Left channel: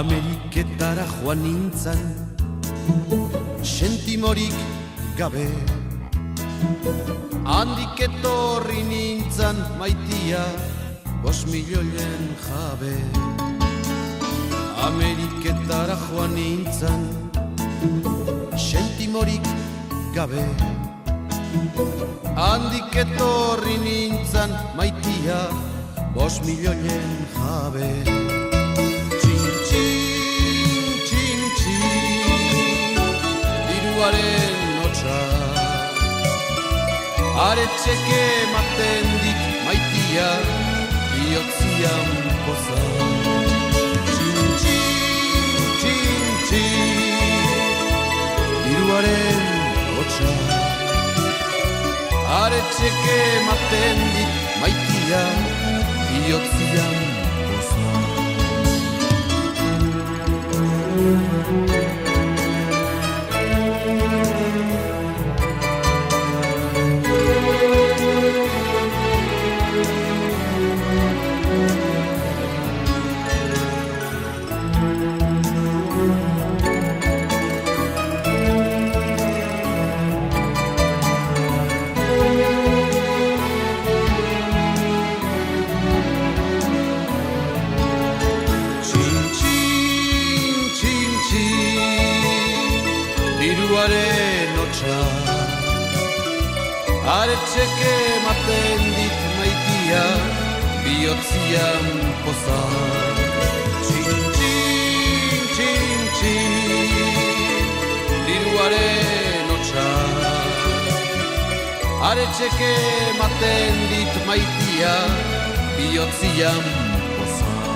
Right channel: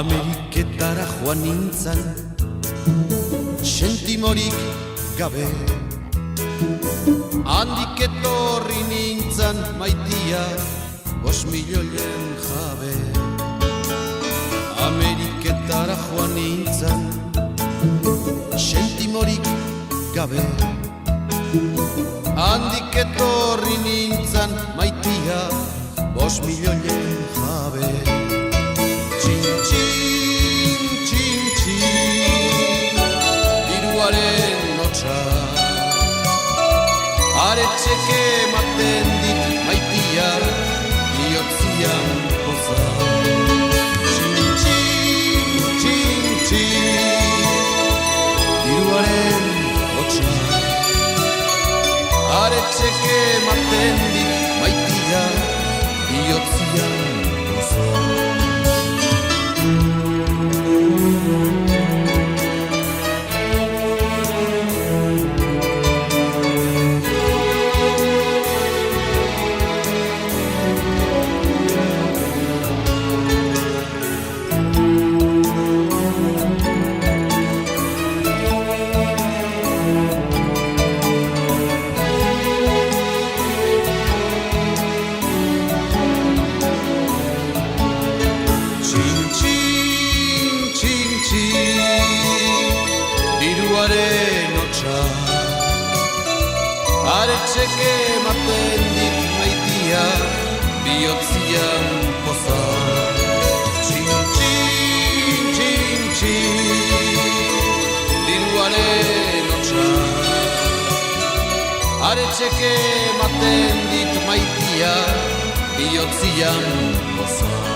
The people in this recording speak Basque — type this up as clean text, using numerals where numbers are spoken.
Ameriketara joan nintzan, sentimorik gabe. Handik etorri nintzan maitia, 5.000.000 jabe. Ameriketara joan nintzan, sentimorik gabe. Handik etorri nintzan maitia, 5.000.000 jabe. Txin, txin, txin, txin, diruaren notxa. Aretxeke ematen dit maitia, bihotzian poza. Txin, txin, txin, txin, diruaren notxa. Aretxeke ematen dit maitia, bihotzian poza. Diruaren hotxa, aretxeke ematen dit maitia, bihotzian poza. Txin, txin, txin, txin, diruaren hotxa, aretxeke ematen dit maitia, bihotzian poza.